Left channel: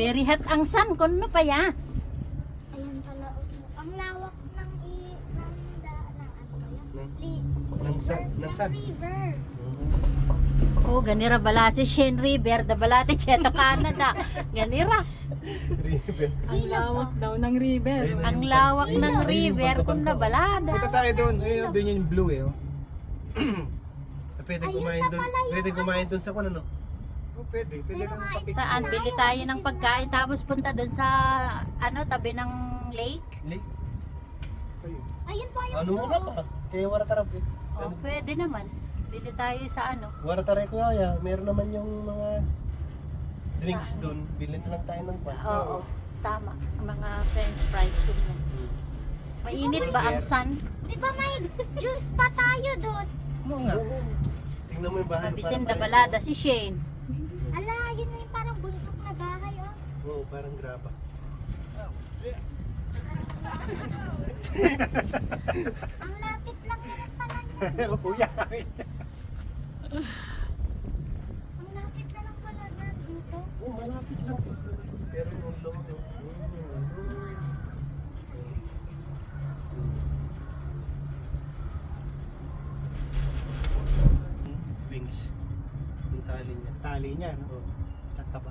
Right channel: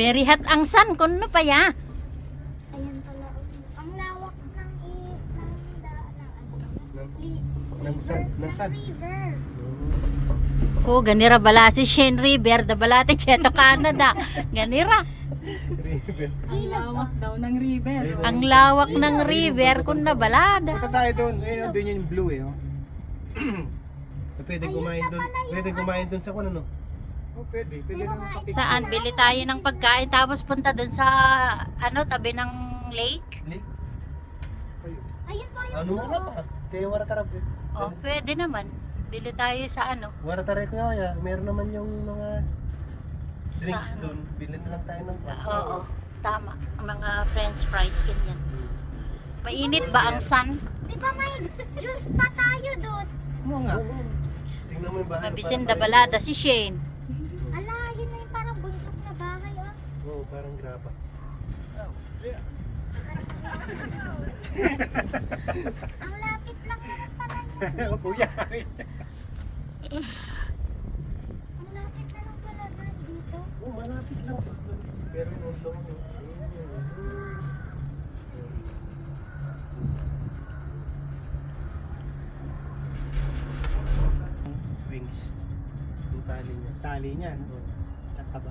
Very hot ang sun. Kuno pa ya. Ayan pala. Ang lawak ng Ng sun. river. Oh, ganira bala si Shane River. Da bala ti Cheto Canada. Ganira. Ang lawak daw ng river. Ang lawak ng river kung nabalada. Punta tayo doon. Ayun, doon yung blue eh. Oh. Pwede kumain doon. Pwede kumain doon sa kuno, no? Oh, pwede. Pwede kang papicture. Saan? Bili tayo ng pagkain tapos punta doon sa tabi ng lake. Lake. Ayun po yung Ano mo ka pa? Kaya wala tarap eh. Oh, pwede naman. Bili tayo sa Wala taray ko ya. Meron naman yung mga drinks doon. Bilhin lang tayo ng pan. Oo, tama. Mga french fries ganyan. Mainit ba ang sun? Di ba may juice pa tayo doon? Mo nga. Tingnan mo yung bahay. Mabisim da balada si Shane. Ala, yun na yung parang buntok na bahay, oh. Oo, parang graba. Ang lapit lang naman pala niya. Kuya. Ang lapit na lang pala niya dito. Oo, malapit lang. Pero yung loob eh. Wings. Yung tali niya. Tali niya, no? Sa taba.